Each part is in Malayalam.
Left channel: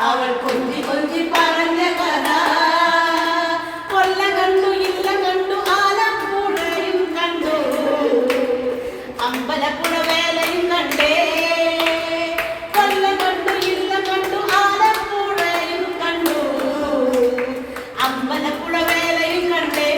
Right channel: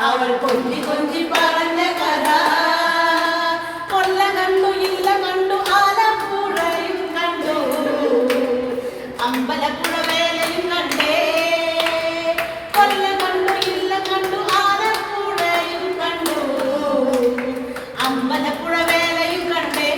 അവൾ കൊഞ്ചി കൊഞ്ചി പറഞ്ഞ കഥ. കൊല്ല കണ്ടു കണ്ടു ആലപ്പുഴയും കണ്ടു. അമ്പലപ്പുഴ കണ്ടേ. കൊല്ല കണ്ടു കണ്ടു ആലപ്പുഴയും കണ്ടു. അമ്പലപ്പുഴ വേലയും കണ്ടേ.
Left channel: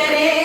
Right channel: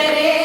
ಬಿಟ್ಟರೆ